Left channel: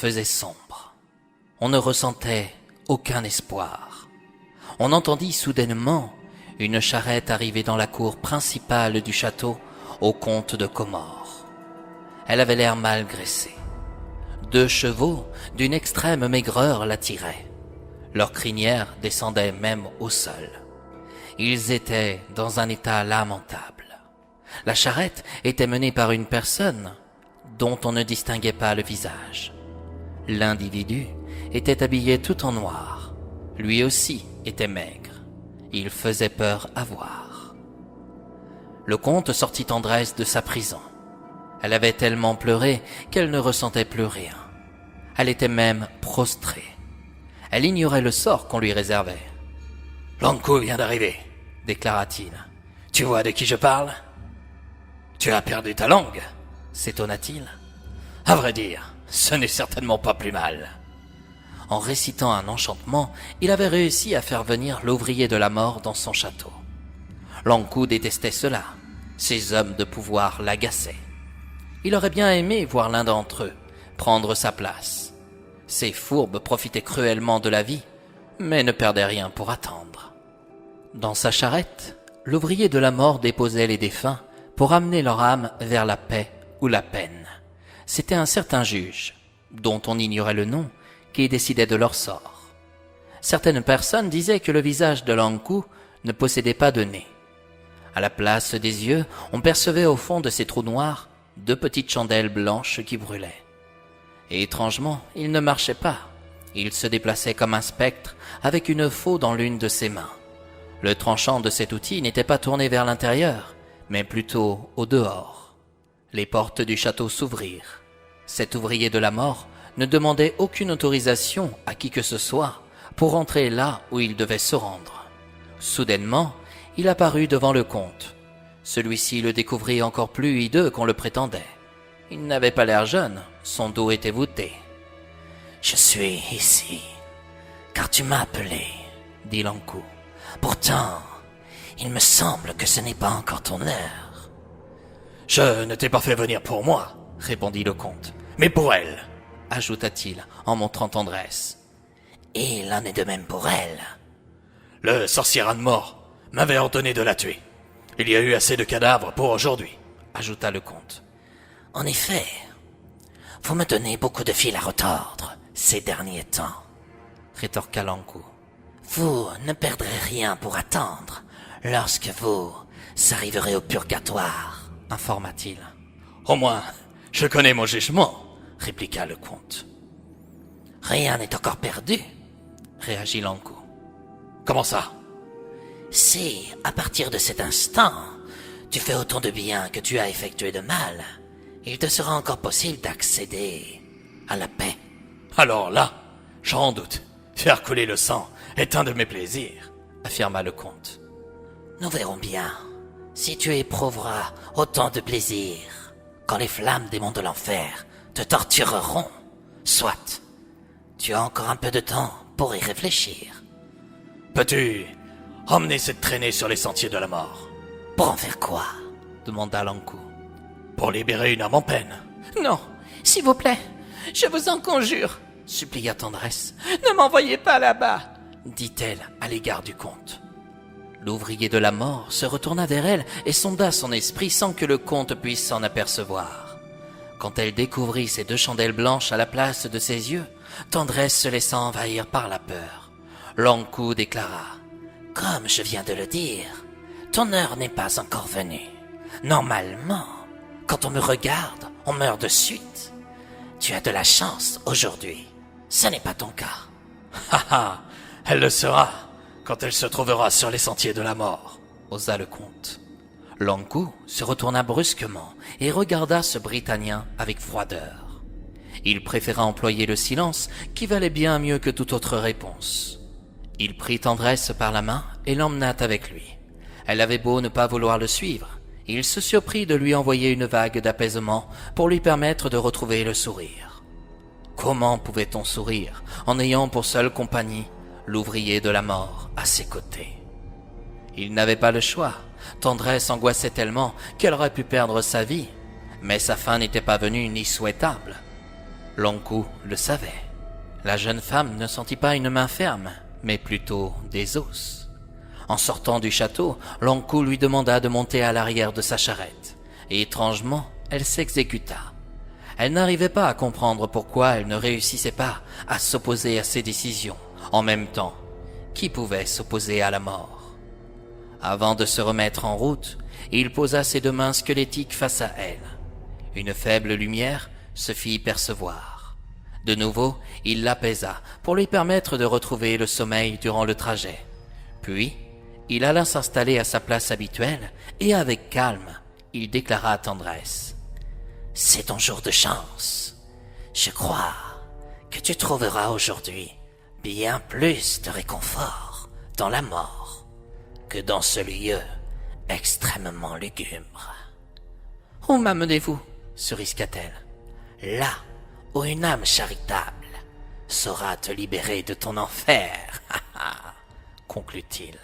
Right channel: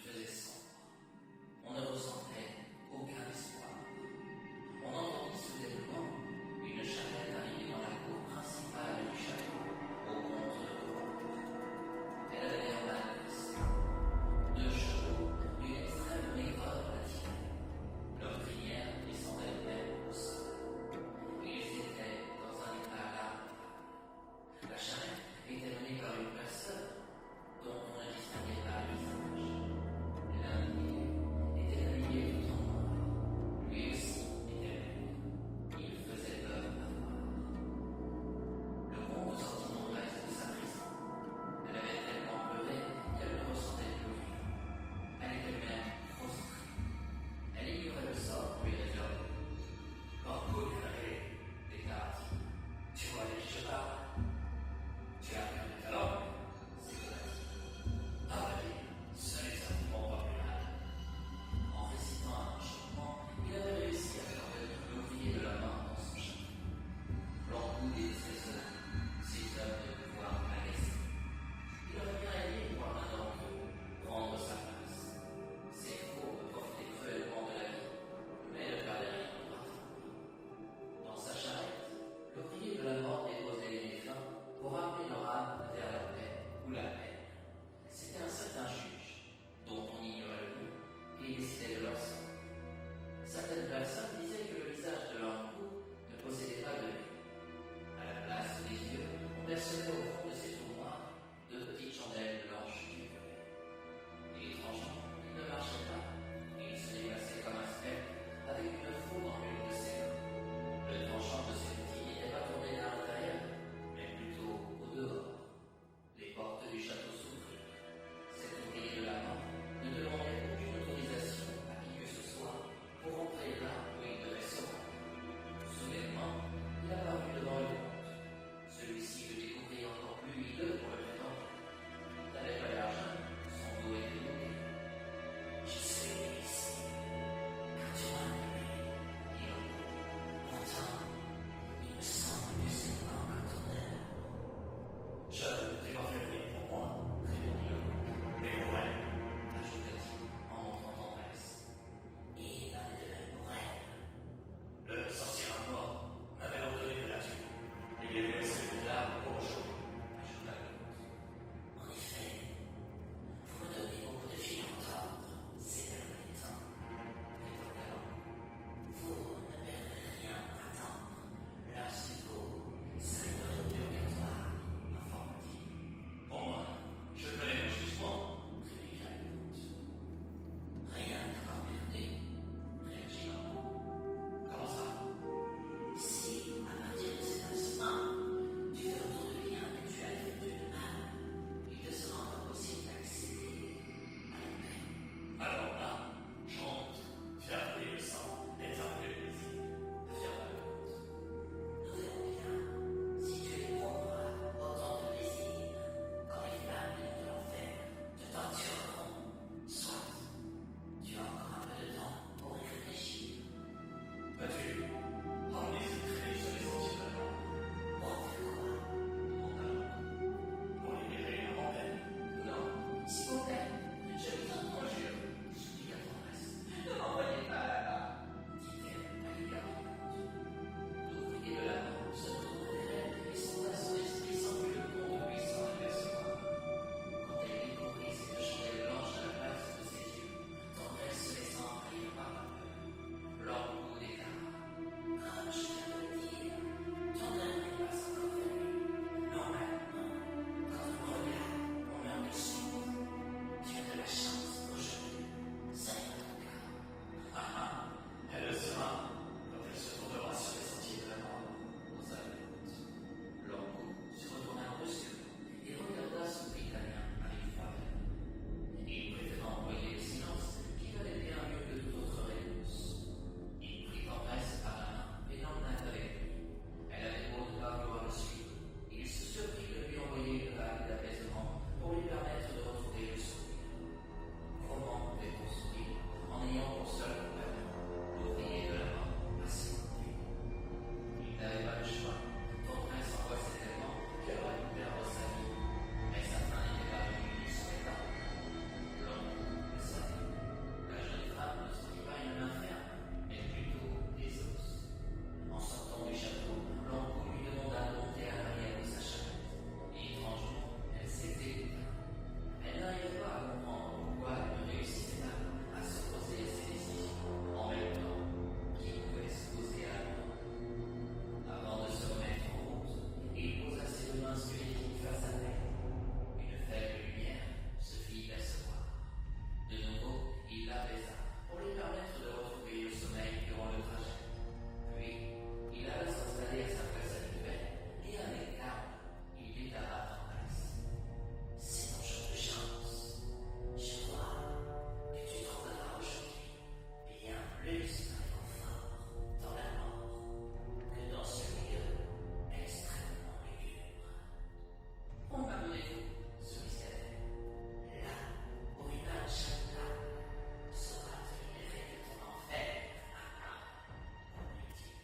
faisait sombre. On ne ressentait aucun espoir. On entendit soudainement une charrette arriver dans la cour principale du château au comte de Comore. Elle avait l'air mal graissée. 2 chevaux d'une extrême maigreur la tiraient. Leurs crinières descendaient même au sol. Ils étaient dans un état lamentable. La charrette était menée par une personne dont on ne distinguait pas le visage. L'individu était habillé tout en noir. Lui aussi était maigre. Il faisait peur à voir. Le comte sortit Tendresse de sa prison. Elle avait tellement pleuré qu'elle ne ressentait plus rien. Elle était même prostrée. Elle ignorait le sort qu'on lui réservait. « Lankou vient d'arriver, déclara-t-il. Tu vois de qui je parle ? Tu as perdu ta langue, s'étonna-t-il. À vrai dire, ce n'est certainement pas plus mal. En récitant un enchantement, il avait réussi à faire venir l'ouvrier de la mort dans son château. Lankou détestait cela. Ces hommes de pouvoir l'agaçaient. Il aurait bien aimé voir l'un d'entre eux prendre sa place. Ces fourbes profitaient cruellement de la vie, mais ne perdaient rien pour attendre. Dans sa charrette, l'ouvrier de la mort déposait les défunts pour amener leur âme vers la paix ou la peine. C'était un certain juge, dont on ignorait le nom, qui décidait de leur sort. Certaines personnes disaient que le visage de Lankou ne possédait pas de nez. À la place des yeux, on percevait au fond de ces trous noirs 2 petites chandelles blanches qui brûlaient. Et étrangement, il ne marchait pas. Il se déplaçait comme un spectre avec une faux dans l'une de ses mains. Le tranchant de cet outil n'était pas tourné vers l'intérieur, mais plutôt au dehors. Les portes du château s'ouvrirent. Cet ouvrier de la mort ne demandait aucune autorisation à qui que ce soit pour entrer là où il devait se rendre. Soudainement, il apparut devant le comte. Celui-ci le découvrit encore plus hideux qu'on le prétendait. Il n'avait pas l'air jeune, son dos était voûté. « Je suis ici, car tu m'as appelé, » dit Lankou. « Pourtant, il me semble que ce n'est pas encore ton heure. »« Je ne t'ai pas fait venir pour moi, » répondit le comte, « mais pour elle, » ajouta-t-il en montrant Tendresse. « Et il en est de même pour elle. »« Le sorcier âne mort m'avait ordonné de la tuer. Il y a eu assez de cadavres pour aujourd'hui, » ajouta le comte. « En effet, vous me donnez beaucoup de fil à retordre ces derniers temps, » rétorqua Lankou. « Vous ne perdrez rien pour attendre lorsque vous arriverez au purgatoire, » informa-t-il. « Au moins, je connais mon jugement, » répliqua le comte. « Rien n'est encore perdu, » réagit Lankou. « Comment ça ? » « Si, à partir de cet instant, tu fais autant de bien que tu as effectué de mal, il te sera encore possible d'accéder à la paix. »« Alors là, j'en doute. Faire couler le sang est un de mes plaisirs, » affirma le comte. « Nous verrons bien si tu éprouveras autant de plaisir quand les flammes des monts de l'enfer te tortureront. Soit, tu as encore un peu de temps pour y réfléchir. »« Peux-tu emmener cette traînée sur les sentiers de la mort. »« Pour en faire quoi ?» demanda Lankou. « Pour libérer une âme en peine. »« Non, s'il vous plaît, je vous en conjure, » supplia Tendresse. « Ne m'envoyez pas là-bas, » dit-elle à l'égard du comte. L'ouvrier de la mort se retourna vers elle et sonda son esprit sans que le comte puisse s'en apercevoir. Quand elle découvrit ces 2 chandelles blanches à la place de ses yeux, Tendresse se laissa envahir par la peur. Lankou déclara: « Comme je viens de le dire, ton heure n'est pas encore venue. Normalement, quand on me regarde, on meurt de suite. Tu as de la chance aujourd'hui. Ce n'est pas ton cas. »« Ha ha, elle le sera quand elle se trouvera sur les sentiers de la mort, » osa le comte. Lankou se retourna brusquement et regarda ce Britannia avec froideur. Il préféra employer le silence qui valait bien mieux que toute autre réponse. Il prit Tendresse par la main et l'emmena avec lui. Elle avait beau ne pas vouloir le suivre, il se surprit de lui envoyer une vague d'apaisement pour lui permettre de retrouver le sourire. Comment pouvait-on sourire en ayant pour seule compagnie l'ouvrier de la mort à ses côtés? Il n'avait pas le choix. Tendresse angoissait tellement qu'elle aurait pu perdre sa vie, mais sa fin n'était pas venue ni souhaitable. Lonkou le savait. La jeune femme ne sentit pas une main ferme, mais plutôt des os. En sortant du château, Lonkou lui demanda de monter à l'arrière de sa charrette, et étrangement, elle s'exécuta. Elle n'arrivait pas à comprendre pourquoi elle ne réussissait pas à s'opposer à ses décisions. En même temps, qui pouvait s'opposer à la mort? Avant de se remettre en route, il posa ses deux mains squelettiques face à elle. Une faible lumière se fit percevoir. De nouveau, il l'apaisa pour lui permettre de retrouver le sommeil durant le trajet. Puis, il alla s'installer à sa place habituelle et avec calme, il déclara à tendresse. « C'est ton jour de chance. Je crois que tu trouveras aujourd'hui bien plus de réconfort dans la mort que dans ce lieu extrêmement lugubre. »« Où m'amenez-vous » se risqua-t-elle. « Là où une âme charitable saura te libérer de ton enfer, conclut-il.